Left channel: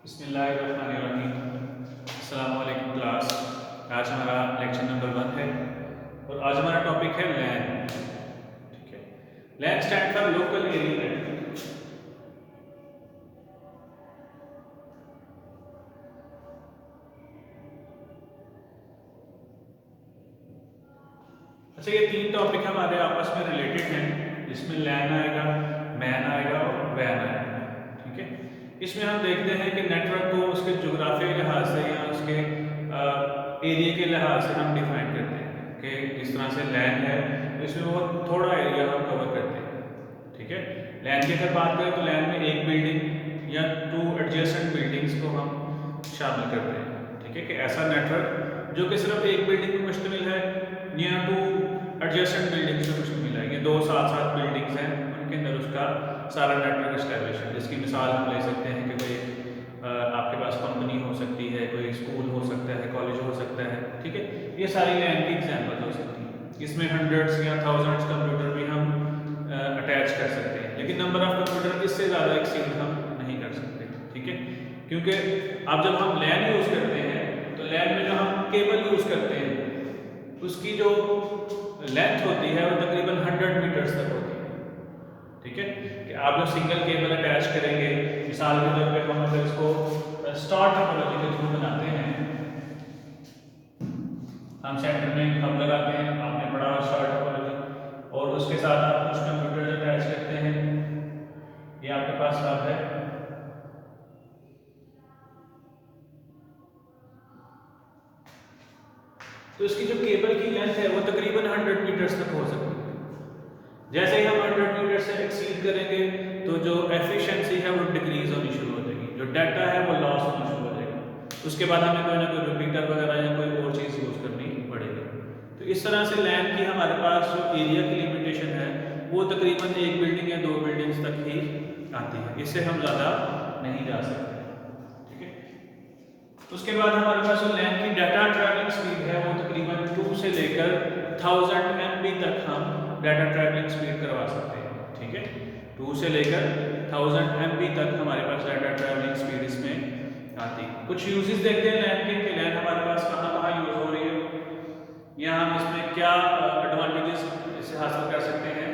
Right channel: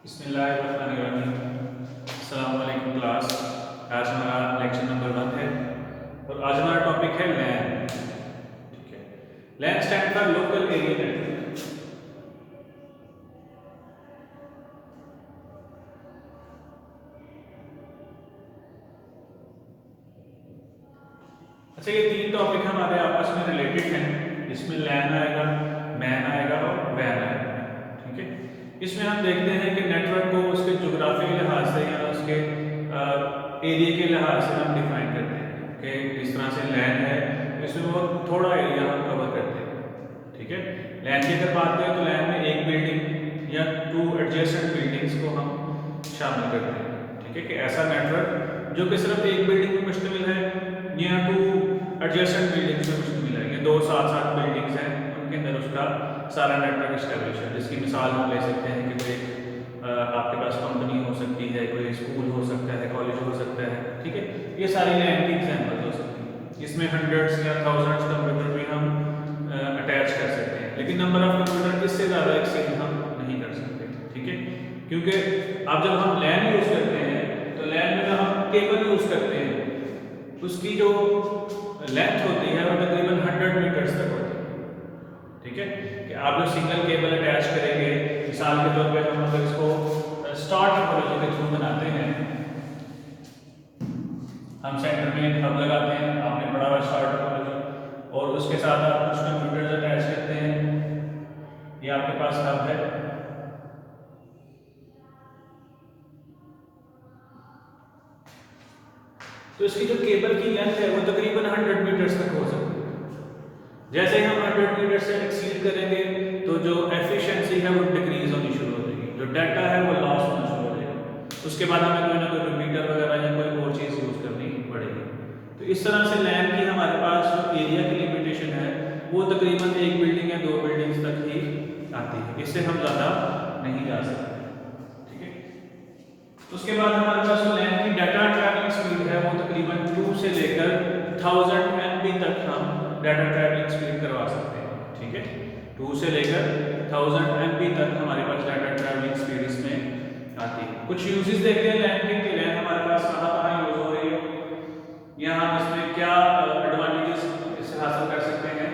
बिस्मिल्लाहिर्रहमानिर्रहीम। अस्सलाम वालेकुम क्लास। आज हमारा लेक्चर नंबर 1 है और आज हमारा टॉपिक है लैन। ठीक है, LAN stand for local area network. अच्छा, ये तीन टॉपिक हमारे आपस में रिलेटेड हैं। इसमें लैन आएगा, मैन आएगा और वैन आएगा। ठीक है, इसमें हम देखते हैं कि नेटवर्क को उसके जोग्राफी के लिहाज से या उसके एरिया के लिहाज से हम डिफाइन करते हैं कि इस तरह से लैन है, इसमें वो थोड़ा एरिया हम कवर करते हैं। ठीक है, लैन की अगर बात करें तो लैन में एक बिल्डिंग या 2 एडजेसेंट बिल्डिंग्स को हम शामिल करते हैं। ठीक है, कि ऐसा नेटवर्क जो कि सिर्फ एक बिल्डिंग में मुश्तमिल है या 2 एडजेसेंट बिल्डिंग्स में मुश्तमिल है, ये 2 साथ-साथ बिल्डिंग्स हैं, उनके अंदर उसका सारा नेटवर्क एस्टेब्लिश है। जिसकी मिसाल हम ले सकते हैं कि कोई आपके पास कंपनी हो सकती है, कोई स्कूल हो सकता है, कॉलेज हो सकता है। ठीक है, ये सारी लैन की एग्जाम्पल हो सकती है। इसमें हंड्रेड्स या थाउजेंड्स कंप्यूटर भी हम अटैच कर सकते हैं, लेकिन नंबर ऑफ कंप्यूटर इससे ज़्यादा एक्सटेंड हम नहीं कर सकते। ठीक है, क्योंकि अब जब हम लैन यूज़ करते हैं तो लैन में जो हम केबल यूज़ करते हैं उसकी जो लेंथ होती है वो तकरीबन 100 मीटर्स तक होती है। ठीक है, कि आप जो सिंगल केबल अटैच करेंगे, मिसाल के तौर पे हम अगर इसको स्टार टोपोलॉजी के थ्रू बनाते हैं, हम सेंटर में एक हब लगाते हैं, आपने पढ़ा हुआ स्टार टोपोलॉजी, और उसके साथ आप कुछ कंप्यूटर्स अटैच करते हैं। ये आपके पास हब है। तो इसकी जो केबल की लेंथ है वो तकरीबन 100 मीटर्स तक हो सकती है। जैसे ही हम 100 मीटर से एक्सीड करेंगे तो जो एफिशिएंसी है वो डिक्रीज होनी शुरू हो जाएगी, जो डाटा है वो लॉस होना शुरू हो जाएगा। उसके बाद हमें कोई ना कोई रिपीटर वगैरह या कोई और चीज़ यूज़ करनी पड़ेगी। तो इस तरह से लैन की हमारे पास जो एरिया की लिमिटेशन है वो तकरीबन एक बिल्डिंग या 2 बिल्डिंग्स तक ही आती है, इससे हम ज़्यादा नहीं जा सकते। ठीक है, उसके बाद हमारे पास जो लैन की डाटा ट्रैवलिंग स्पीड है वो तकरीबन 2 से लेकर 1000 MB तक हम डाटा ट्रैवलिंग स्पीड करवा सकते हैं। ठीक है, 2 से लेकर 1000 MB तक हमारे पास डाटा ट्रैवलिंग स्पीड इसमें आती है। कुछ यूजेस देखते हैं लैन के लैन हमारे पास कहाँ कहाँ यूज हो रही है, या हम इसमें क्या एडवांटेजेस इससे हासिल कर सकते हैं।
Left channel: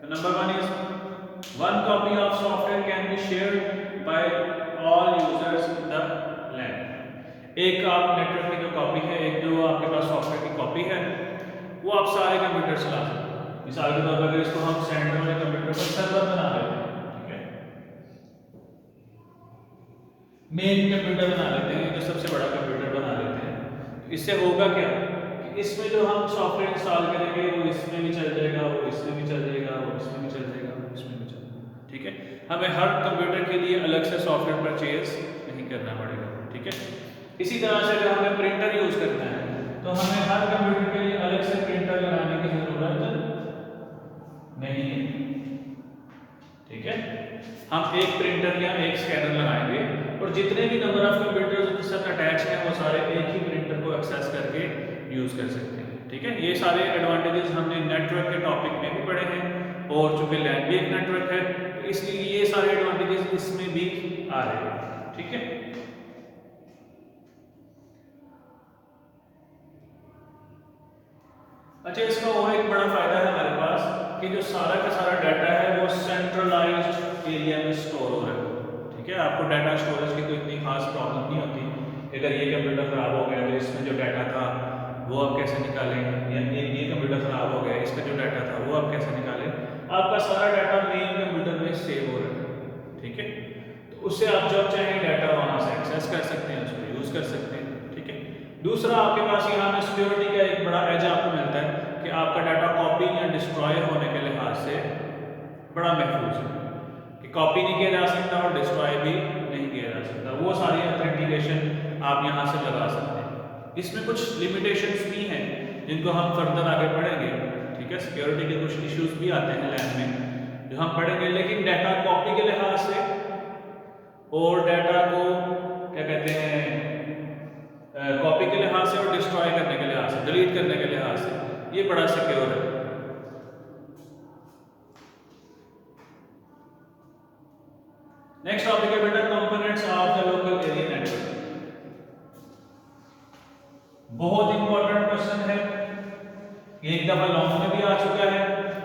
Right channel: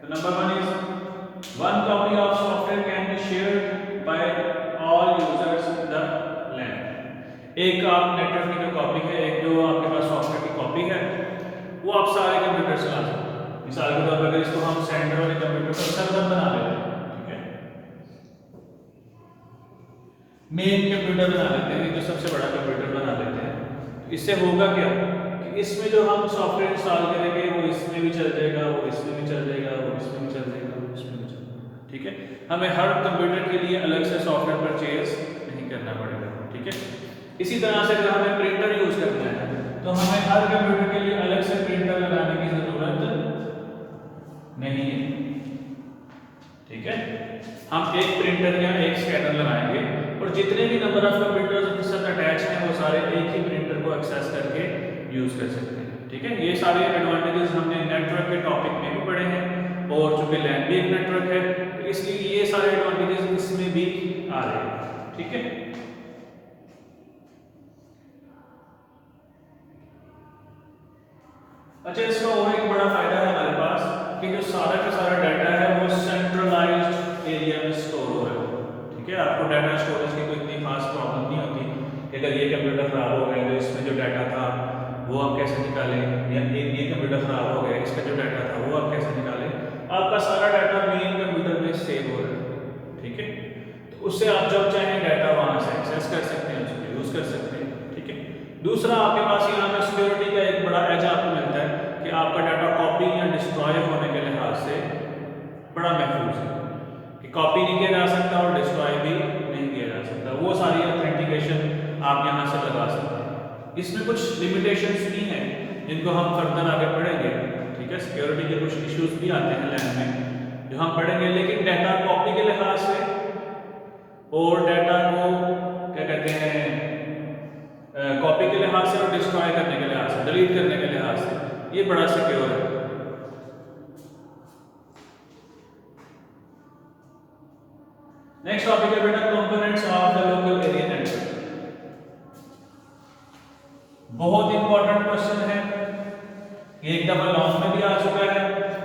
तो number 1 is one copy of software can be shared by all users in the LAN. एक आप नेटवर्क की जो कॉपी है, एक जो आपके पास सॉफ्टवेयर की कॉपी है, वो आप सारे कंप्यूटर चला सकते हैं। मिसाल के तौर पर अगर इसको हम सेंटर वाले कंप्यूटर पर सर्वर बना लेते हैं, ठीक है, मेन कंप्यूटर बना लेते हैं, जो सबसे बड़ा कंप्यूटर बना लेते हैं, तो इससे होगा क्या कि इसमें जो हम सॉफ्टवेयर इंस्टॉल करेंगे वो इसमें भी चल जाएगा, वो इसमें भी चल जाएगा, वो इसमें भी चल जाएगा, वो इसमें भी चल जाएगा। ठीक है, हमें हर कंप्यूटर के लिए अलग से सॉफ्टवेयर परचेज नहीं करना पड़ेगा। ठीक है, इसी तरह से अगर हमें प्रिंटर यूज करना है तो हमें हर कंप्यूटर के लिए अलग से प्रिंटर लगाने की जरूरत नहीं है। ठीक है, हम एक प्रिंटर या एक स्कैनर लगाएंगे और जितने भी नंबर ऑफ कंप्यूटर्स उसके साथ अटैच हैं वो सारे एक ही प्रिंटर को एक्सेस करके यूज कर सकते हैं। ठीक है, ये सारे एडवांटेजेस हमने नेटवर्क के टॉपिक में भी पढ़े हैं, और चूंकि लैन भी एक नेटवर्क है तो इसलिए ये सारे एडवांटेजेस इसमें भी आ रहे हैं। ठीक है, अच्छा, इसका और एक बड़ा फायदा है हमारे पास कि जो सारा का सारा डाटा है वो सेंट्रलाइज्ड एरिया में स्टोर हो रहा है। ठीक है, आपको डाटा स्टोरेज की कोई इतनी खास प्रॉब्लम नहीं होती। अगर ये कंप्यूटर खराब हो गया तो इसमें जो डाटा था वो आप कैसे निकालें, या ये कंप्यूटर खराब हो गया इसका जो डाटा था वो आप कैसे निकालें। आपका सारा डाटा मेन कंप्यूटर में सेव हो रहा है। ठीक है, तो उससे आप जब चाहें डाटा वहां से एक्सेस कर सकते हैं, उसको यूज कर सकते हैं। ठीक है, दूसरा आपके पास यहाँ में सिक्योरिटी का एक बड़ा एज आपको मिलता है कि आपका डाटा कॉपी या डिस्ट्रॉय होने के लिहाज से बड़ा महफूज है, कि कॉपी नहीं किया जा सकता और डिस्ट्रॉय भी नहीं किया जा सकता। वो सारी ऑथेंटिकेशन आप यहाँ से लगा सकते हैं। इसमें कुछ लिमिटेशंस भी हैं जिनको हम फर्दर आगे पढ़ेंगे। ठीक है, सिक्योरिटी के कुछ इश्यूज भी आते हैं लैन में जो हम पढ़ेंगे, लेकिन डाटा कॉपी के लिहाज से और डाटा को क्या कहते हैं कॉपी के लिहाज से और डिस्ट्रॉय करने के लिहाज से, डिलीट करने के लिहाज से ये बड़ा सिक्योर है। नेक्स्ट टॉपिक है बेटा components of the local area network. बहुत इंपॉर्टेंट क्वेश्चन है, ये एक दफा लॉन्ग में भी आ चुका है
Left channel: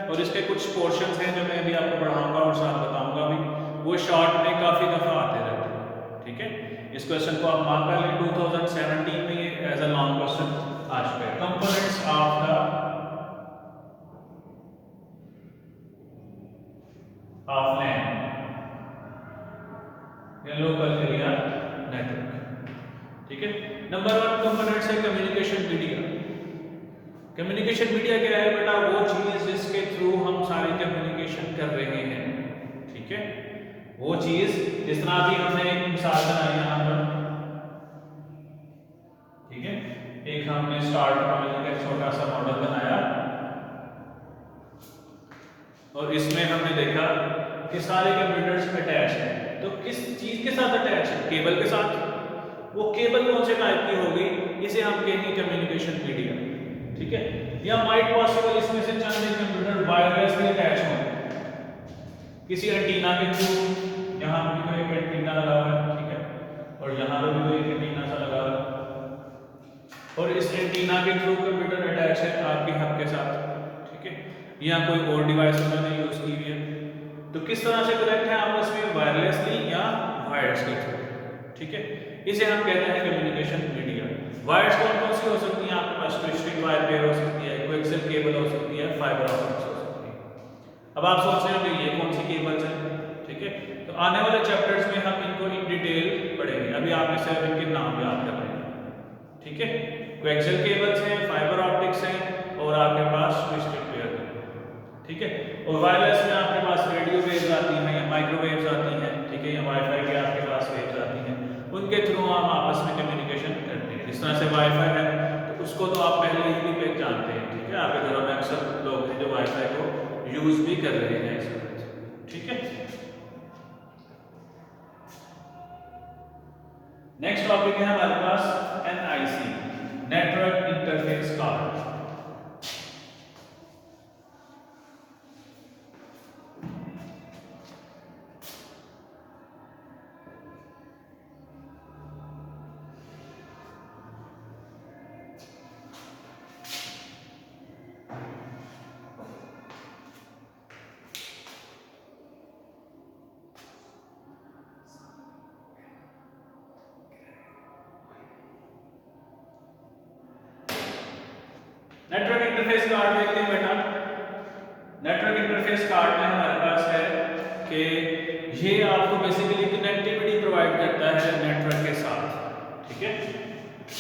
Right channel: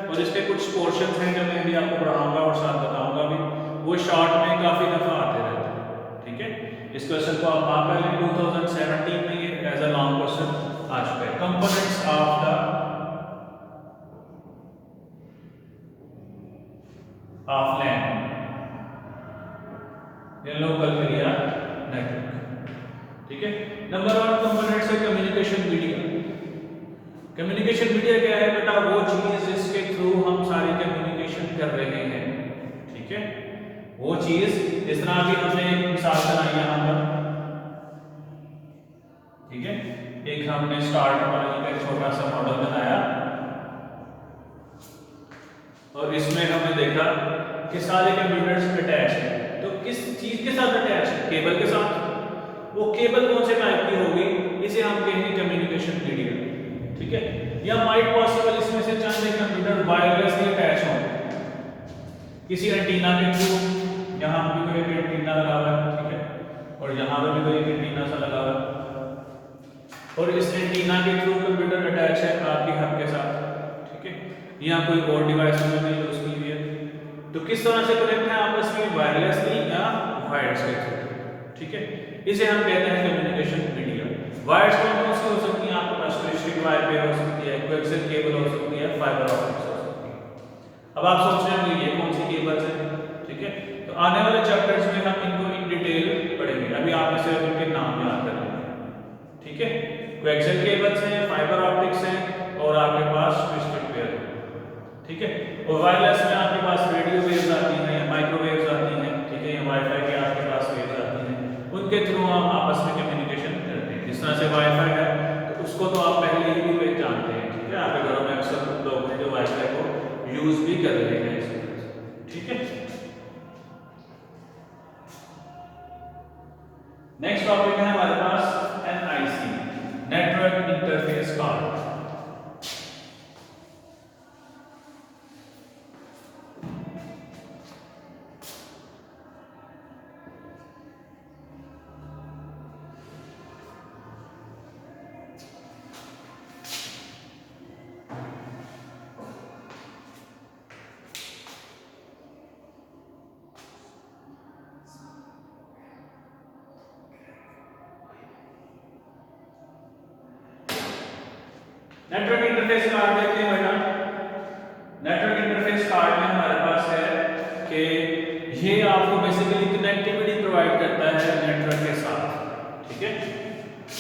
और इसके कुछ पोर्शंस हैं जो मैं भी आपको पढ़ाऊंगा और साथ बताऊंगा भी, वो शॉर्ट में काफी दफा आते रहते हैं। ठीक है, इस क्वेश्चन को आप मार्क कर लें, 2017 में एज अ लॉन्ग क्वेश्चन आ चुका है। कंपोनेंट्स ऑफ द लैन या लोकल एरिया नेटवर्क। ठीक है, नंबर 1 कंपोनेंट्स है कम्युनिकेशन मीडिया। कम्युनिकेशन मीडिया क्या है बेटा? वो चीज जिसके थ्रू हम सारे कम्युनिकेशन कर रहे हैं। ठीक है, वो चीज, जिस तरह अभी हमने एक मिसाल बनाई यहाँ पर। ठीक है, एक हमने स्टार्ट मॉडल का छोटा सा मॉडल बनाया और इसमें हमने देखा कि सारे कंप्यूटर्स अटैच है। तो किस चीज के साथ अटैच है? केबल के साथ। वो केबल कौन से टाइप की होगी? इसे हम कहेंगे कम्युनिकेशन मीडिया। ठीक है, या माइट पॉसिबल इसमें से चाहे कंप्यूटर वायरलेसली अटैच हो किसी एंटीना के थ्रू। यहाँ भी कोई एक एंटीना लगा हुआ है, ठीक है, और यहाँ पर भी कोई एक एंटीना सा लगा हुआ है और इस एंटीना के थ्रू कंप्यूटर अटैच है आपके हब के साथ। ठीक है, यहाँ कोई और डिवाइस उन्होंने यूज की हुई है। तो किस तरह से कनेक्ट है आपस में? वायरलेसली या वायर्स के थ्रू। ठीक है, इसे हम कहते हैं कम्युनिकेशन मीडिया। वायर्स कौन सी हो सकती हैं? आपके पास स्ट्रिंग वायर पे हो सकती है, कोएक्सियल केबल हो सकती है, फाइबर ऑप्टिक्स हो सकती है। अब आप सोच रहे हैं ये कौन सी केबल्स हैं? ठीक है, तो आने वाले चैप्टर्स में हम इनको इन डिटेल पढ़ेंगे। अभी आप इसे इनके नाम याद कर लेंगे। ठीक है, कोएक्सियल केबल्स हैं, फाइबर ऑप्टिक्स हैं और आपके पास ट्विस्टेड पेयर है। ठीक है, और वायरलेस में आपके पास रेडियो वेव्स आती हैं, माइक्रोवेव्स आती हैं। ठीक है, या वाईफाई के आपके पास वेव्स आती हैं, उनके थ्रू हम आपस में कम्युनिकेशन करते हैं। जिस तरह से वाईफाई है तो उसको तो आप पहले ही भी जानते हैं। ठीक है, आपके घरों में अक्सर लोग हैं जो वाईफाई को यूज भी कर रहे हैं इस वक्त। ठीक है, नेक्स्ट टॉपिक है हमारे पास NIC, network interface card. Network interface card देखते हैं बेटा। नेटवर्क इंटरफेस कार्ड में हमारे पास है कि ये आपको बेसिकली कनेक्टिविटी प्रोवाइड करता है नेटवर्क के साथ। ठीक है,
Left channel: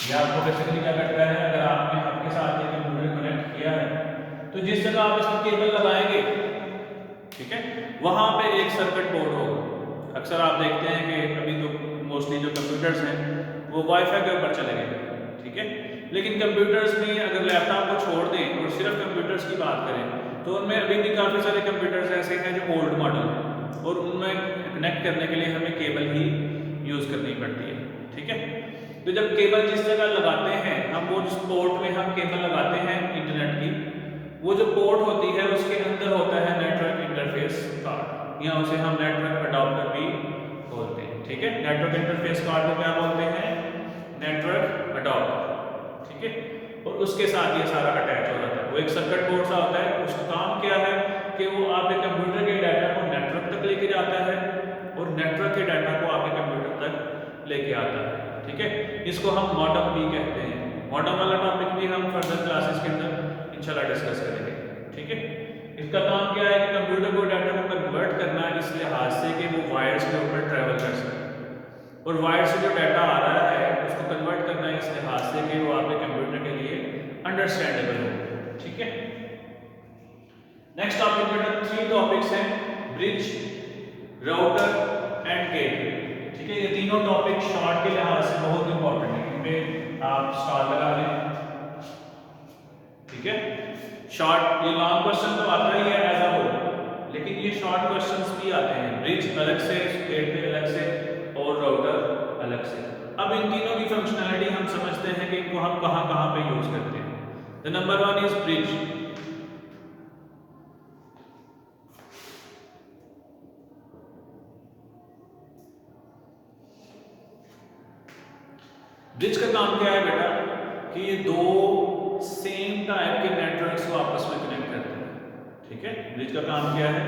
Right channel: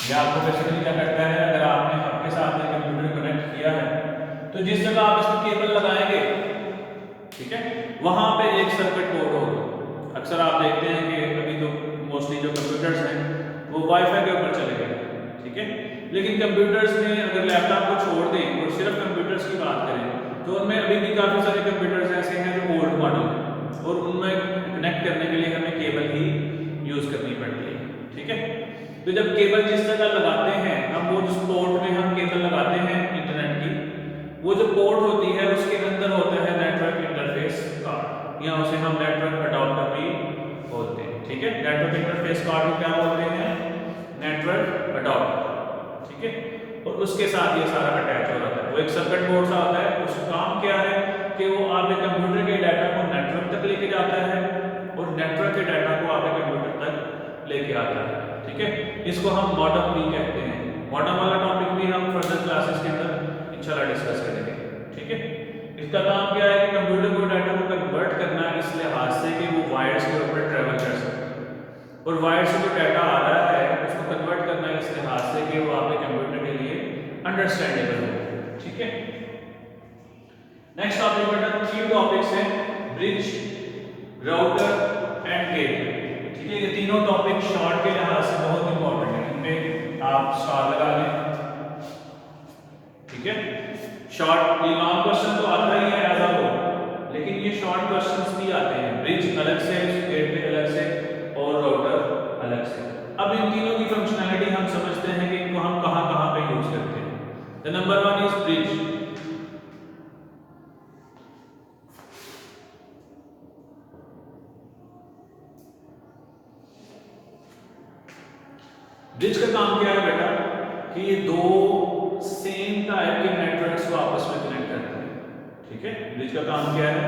ये आपको बेसिकली क्या करता है? अगर आपने आपके साथ एक कंप्यूटर कनेक्ट किया है तो जिस जगह आप इसमें केबल लगाएंगे, ठीक है, वहां पे एक सर्किट बोर्ड होगा। अक्सर आप देखते हैं कि अभी तो मोस्टली जो कंप्यूटर्स हैं वो वाईफाई के ऊपर चले गए। ठीक है, लेकिन कंप्यूटर्स में अगर लैपटॉप को छोड़ दें और सिर्फ कंप्यूटर्स की बात करें तो उनमें अभी भी काफ़ी सारे कंप्यूटर्स ऐसे हैं जो ओल्ड मॉडल हैं और उनमें कनेक्ट करने के लिए हमें केबल ही यूज़ करनी पड़ती है। ठीक है, तो जब केबल जिस जगह लगाते हैं हम, वो जिस पोर्ट में हम केबल लगाते हैं इंटरनेट की, वो जो पोर्ट होती है उसके अंदर होता है नेटवर्क इंटरफेस कार्ड, या उसे हम नेटवर्क अडॉप्टर भी बोलते हैं। ठीक है, नेटवर्क इंटरफेस कार्ड को क्या बोलते हैं? Network adopter. ठीक है, और उसके साथ ये सारा अटैच हो रहा है। वो एक सर्किट बोर्ड सा होता है, उसका काम क्या है कि वो आपके कंप्यूटर के डाटा को नेटवर्क तक लेके जाता है और नेटवर्क के डाटा को आपके कंप्यूटर तक लेके आता है। ठीक है, इसको हम मॉडेम भी कहते हैं। मॉडेम वाला टॉपिक भी हम फर्दर क्लासेस के अंदर इंशाल्लाह डिस्कस करेंगे। ठीक है, इसका काम क्या है कि कंप्यूटर को डाटा को कन्वर्ट करना इस लिहाज से कि वो वायर्स के ऊपर ट्रेवल कर सके और वायर से जो डाटा आ रहा है उसको कन्वर्ट करना इस लिहाज से कि वो आपके कंप्यूटर के लिए अंडरस्टैंडेबल हो। ठीक है, नेक्स्ट टॉपिक बेटा 3 टॉपिक्स हैं, ब्रिज, राउटर एंड गेटवे। ठीक है, ये तीनों टॉपिक शॉर्ट के लिहाज से बहुत इंपॉर्टेंट है, इन पे आप स्टार लगा लें। ठीक है, शॉर्ट, ये लॉन्ग क्वेश्चन तो आता ही है एज अ होल, लेकिन ये शॉर्ट क्वेश्चंस भी आते हैं। ब्रिज अलग से, गेटवे अलग से और राउटर अलग से। अब इन तीनों की फंक्शनैलिटी हम समझते हैं कि इनको हम कहां-कहां पे यूज करते हैं। The number 1 is bridge. Bridge का काम क्या है बेटा कि ये दो सेम टाइप के नेटवर्क्स को आपस में कनेक्ट करता है। ठीक है, ब्रिज का काम क्या है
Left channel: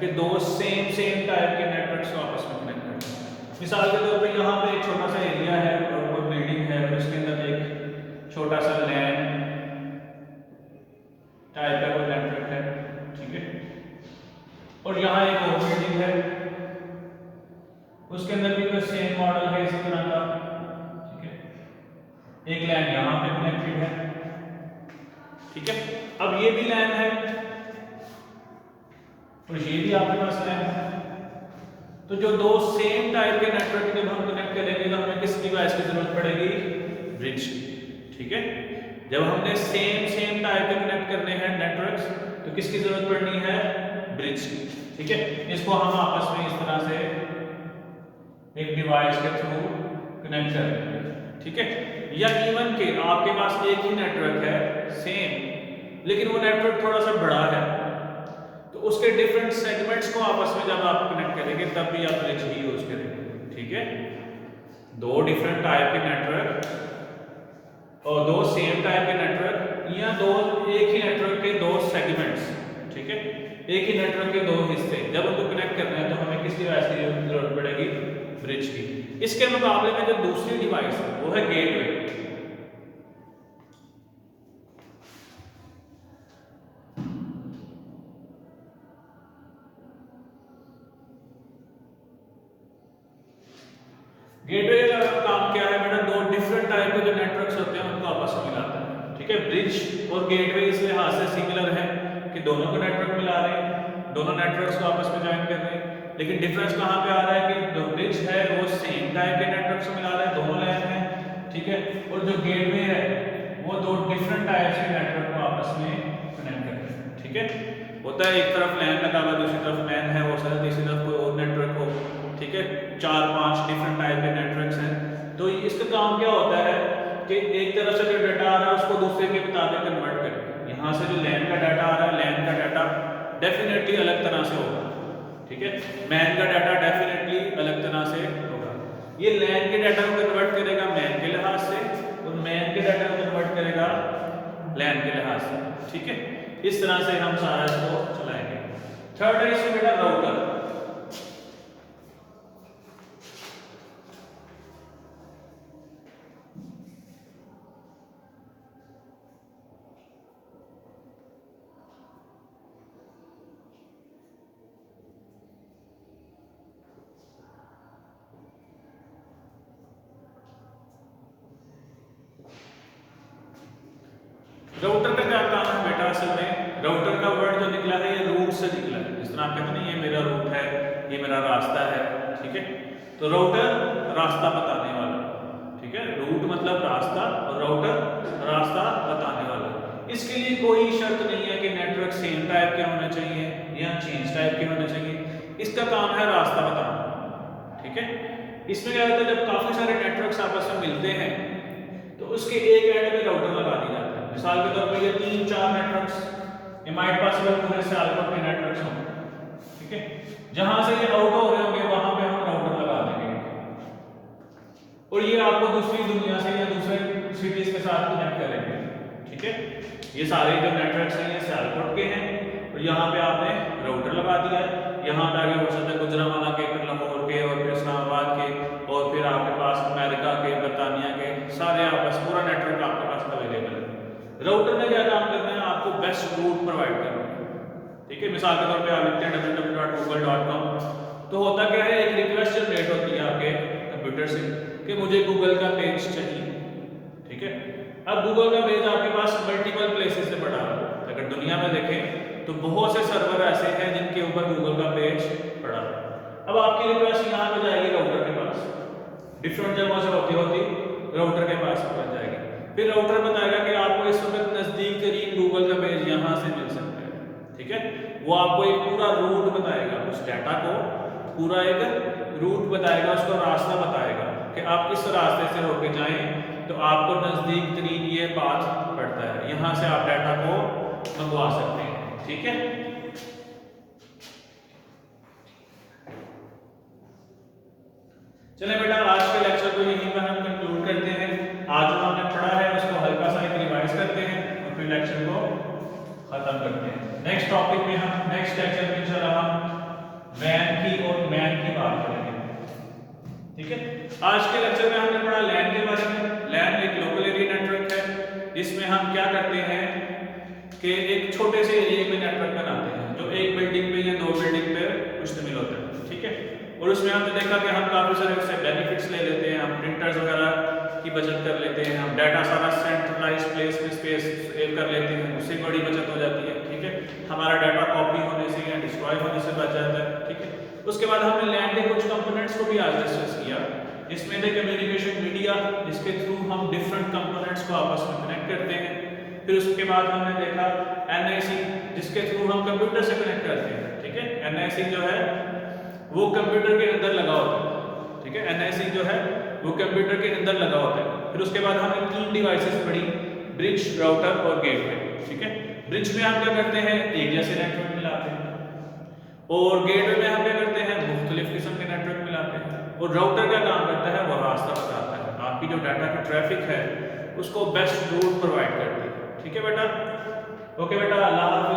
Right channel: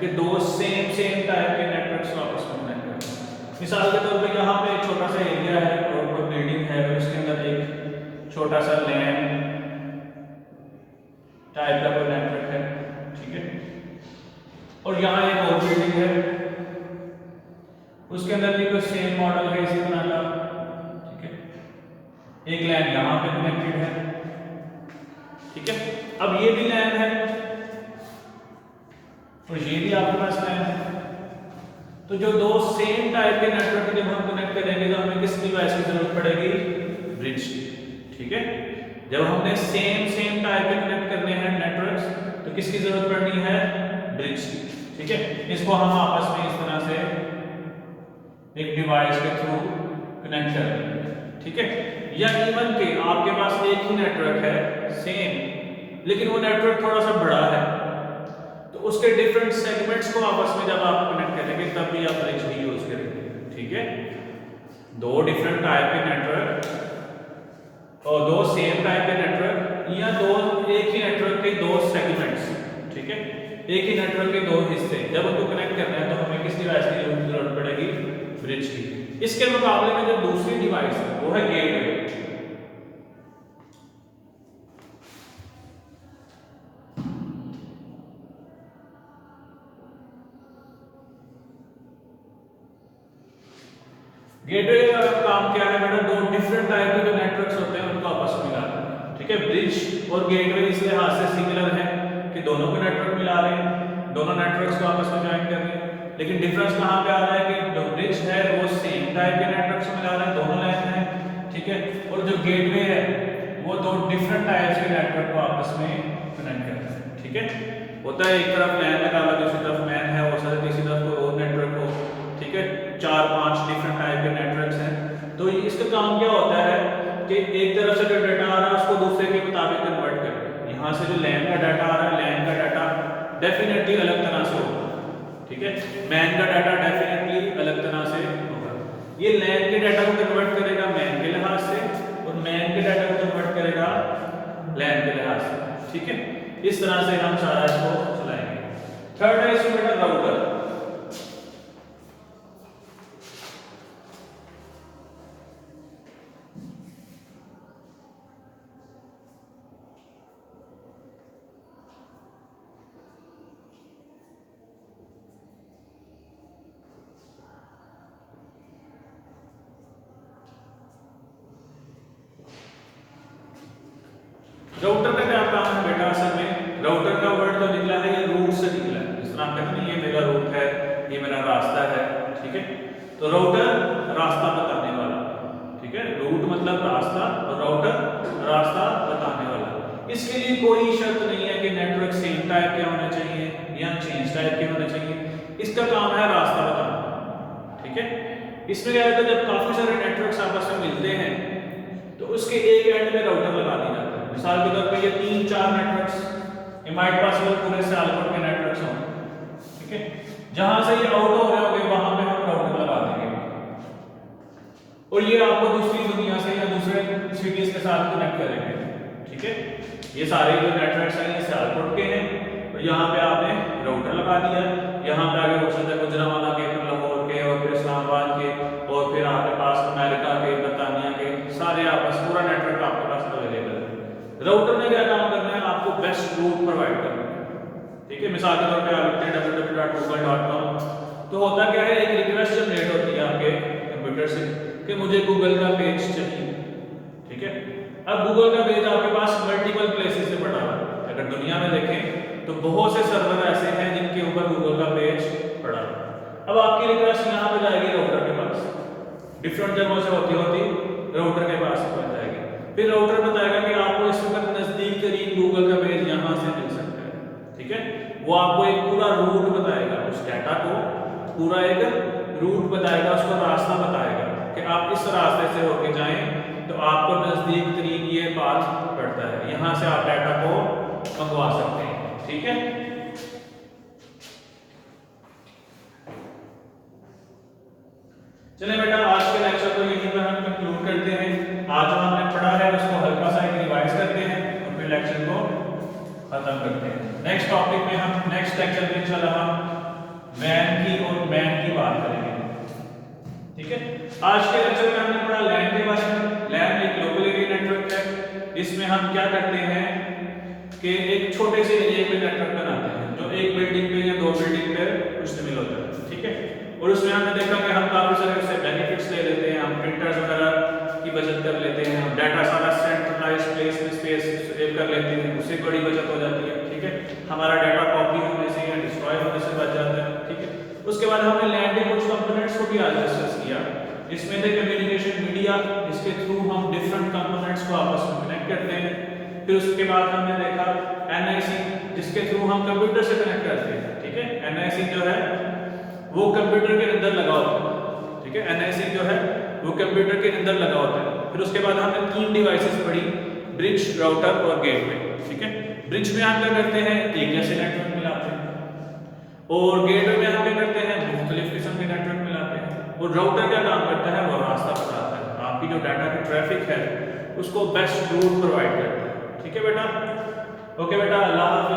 कि दो सेम टाइप के नेटवर्क्स को आपस में कनेक्ट करता है। मिसाल के तौर पे यहाँ पे एक छोटा सा एरिया है और कोई बिल्डिंग है और इसके अंदर एक छोटा सा लैन टाइप का कोई नेटवर्क है। ठीक है, और यहाँ एक और बिल्डिंग है, उसके अंदर भी कोई सेम मॉडल है इसी तरह का। ठीक है, एक लैन यहाँ पे कनेक्टेड है। ठीक है, अब ये भी लैन है और ये भी आपके पास लैन है। तो जो दो सेम टाइप के नेटवर्क जब हम कनेक्ट करेंगे तो हमें किस डिवाइस की जरूरत पड़ेगी? ब्रिज की। ठीक है, जब हमने सेम टाइप के कनेक्ट करने हैं नेटवर्क्स तो किसकी जरूरत पड़नी है? ब्रिज की। ठीक है, इसको हम आपस में इस तरह से एक डिवाइस के थ्रू कनेक्ट करेंगे। ठीक है, या इवन के आपके पास एक ही नेटवर्क है सेम, लेकिन वो नेटवर्क थोड़ा सा बड़ा है तो उसके डिफरेंट सेगमेंट्स को आपस में जब आप कनेक्ट करेंगे तब भी आप ब्रिज ही यूज करेंगे। ठीक है, दो डिफरेंट टाइप के नेटवर्क और दो सेम टाइप के नेटवर्क या दो एक ही नेटवर्क के दो सेगमेंट्स। ठीक है, एक ही नेटवर्क के दो हिस्से जब उनको कनेक्ट करना है तो हमें किस डिवाइस की जरूरत पड़ेगी? ब्रिज की। इसके मुकाबले में जो दूसरी डिवाइस है वो है गेटवे। गेटवे का काम क्या है बेटा? दो डिफरेंट टाइप के जो नेटवर्क्स होते हैं उनको आपस में मिलाता है। ठीक है, ब्रिज और गेटवे इस लिहाज से सिमिलर है कि दोनों को नेटवर्क मिला रहे हैं, दोनों नेटवर्क्स को आपस में ज्वाइन कर रहे हैं, लेकिन डिफरेंस कहां पे आ रहा है कि जो ब्रिज है वो सेम टाइप के नेटवर्क्स को मिला रहा है, दोनों लैन है। ठीक है, और जो गेटवे है वो दो डिफरेंट टाइप्स के नेटवर्क को आपस में कनेक्ट करता है। ठीक है, होता है एक तरफ लैन लगा हुआ, दूसरी तरफ मैन है, हो सकता है तीसरी तरफ कोई और नेटवर्क हो। ठीक है, 4-5 डिफरेंट टाइप के नेटवर्क्स हैं। तो इसका काम क्या होता है कि एक तरफ से जो डाटा आ रहा है उसको दूसरे के मुताबिक कन्वर्ट करना। यहाँ से जो लैन का डाटा आ रहा है, लैन का डाटा डेफिनेटली अलग तरह से होगा। ठीक है, मैन का डाटा डेफिनेटली अलग तरह से होगा। ये लैन के डाटा को कन्वर्ट करेगा मैन के लिहाज से और मैन के डाटा को कन्वर्ट करेगा लैन के लिहाज से। ठीक है, इस तरह से हम सारा इसको चलाएंगे। थर्ड है इसमें बेटा राउटर। राउटर का क्या काम है बेटा? असल में राउटर का वर्ड तो निकला है, ये रूट से निकला है। जिस तरह आप कहते हैं ना ये मेरा रूट है, ये मेरा रास्ता है। ठीक है, तो राउटर रास्ता बताने वाला। ठीक है, रूट मतलब रास्ता और राउटर रास्ता बताने वाला। इसके लिए कोई शर्त नहीं है कि नेटवर्क सेम टाइप के होना चाहिए या चेंज टाइप के होना चाहिए। इसका काम है रास्ता बताना। ठीक है, इसमें क्या होता है जब काफी सारे नेटवर्क्स आपस में मिलते हैं तो उसके एक एंड में राउटर लगा दिया जाता है। मिसाल के तौर पे ये 3-4 नेटवर्क्स इमाइट पॉसिबल पूरे सियालकोट के नेटवर्क्स हों। ठीक है, जहां से ये आउट हो रहे होंगे वहां पे हम राउटर लगा देंगे और ये आपको दूसरी दुनिया से या दूसरे सिटीज के साथ कनेक्ट करेंगे। ठीक है, ये सारे जो नेटवर्क्स हैं ये सियालकोट के हैं और यहाँ पे आपने राउटर लगा दिया। यहाँ पे आगे हो सकता है गुजरांवाला के, फिर लाहौर के और फिर इस्लामाबाद के और फिर आपके पास अमेरिका के, बरतानिया के, सारे आपस पूरा नेटवर्क आपके पास अवेलेबल है। राउटर ने क्या काम करना है? आपको बेस्ट रूट प्रोवाइड करना है। ठीक है, मिसाल के तौर पे आप लिखते हैं www.google.com तो होता क्या है, एक रिक्वेस्ट जनरेट होती है आपके कंप्यूटर से कि मुझे गूगल का पेज चाहिए। ठीक है, अब गूगल का पेज आपके पास मल्टीपल प्लेसेस से पड़ा है। अगर दुनिया में देखें तो बहुत से सर्वर ऐसे हैं जिनके ऊपर गूगल का पेज पड़ा है। अब आपकी रिक्वेस्ट यहाँ पे जाएगी राउटर के पास, डिफरेंट जगहों से होती राउटर के पास पहुंच जाएगा। फिर राउटर बताएगा कि आपको इस वक्त नजदीक तरीन गूगल का पेज यहाँ से मिल सकता है। ठीक है, वो आपको एक पूरा रूट बताएगा, उस डाटा को पूरा एक रूट बताएगा, उसका रास्ता बताएगा कि आप इस रास्ते से होके जाएं तो आपको नजदीक तरीन ये पाथ पड़ता है, यहाँ से आप डाटा को मंगवा सकते हैं। ठीक है, चलिए बेटा, आज के लेक्चर को यहीं पर हम कंक्लूड करते हैं। आज जो हमने पढ़ा है उसको हल्का सा एक रिवाइज करते हैं और फिर लेक्चर को खत्म करते हैं। नेक्स्ट टॉपिक में हम नेक्स्ट लेक्चर में इंशाल्लाह हम वैन की और मैन की बात करेंगे। ठीक है, आज के लेक्चर में हमने पढ़ा लैन के बारे में। लैन एक लोकल एरिया नेटवर्क है। इसमें हम क्या करते हैं कि एक छोटे से एरिया पे नेटवर्क बनाते हैं जो एक बिल्डिंग पे या दो बिल्डिंग पे मुश्तमिल होता है। ठीक है, और उसमें हमने देखा कि हम काफी सारे उससे बेनिफिट्स ले लेते हैं। हम प्रिंटर्स वगैरह की बचत कर लेते हैं, हम डाटा सारा सेंट्रलाइज्ड प्लेस में स्पेस सेव कर लेते हैं, उससे बड़ी बचत हो जाती है। ठीक है, हमारा डाटा कॉपी होने से या डिस्ट्रॉय होने से बच जाता है। ठीक है, उसके बाद हमने लैन के कुछ कंपोनेंट्स को भी आज डिस्कस किया। इसमें थे कम्युनिकेशन मीडिया, जिसके थ्रू हम डिफरेंट कंपोनेंट्स को आपस में कनेक्ट करते हैं। फिर उसके बाद हमने देखा एनआईसी, जिसके थ्रू हम कंप्यूटर से कनेक्ट करते हैं। ठीक है, एनआईसी जो है वो कंप्यूटर के अंदर लगा होता है। ठीक है, एनआईसी जो है वो कंप्यूटर के अंदर लगा होता है। फिर उसके बाद हमने 3 डिवाइसेस पढ़ी, ब्रिज, राउटर और गेटवे। ठीक है, ब्रिज में हम क्या करते हैं, एरिया से नेटवर्क मिलाते हैं, और गेटवे में हम क्या करते हैं, मुख्तलिफ किस्म के नेटवर्क मिलाते हैं, और राउटर क्या काम करता है, वो रास्ता बताता है, आपकी जो डाटा का ट्रैफिक है उसको बेस्ट रूट प्रोवाइड करता है। ठीक है बेटा, ओके बेटा, अल्लाह हाफ़िज़।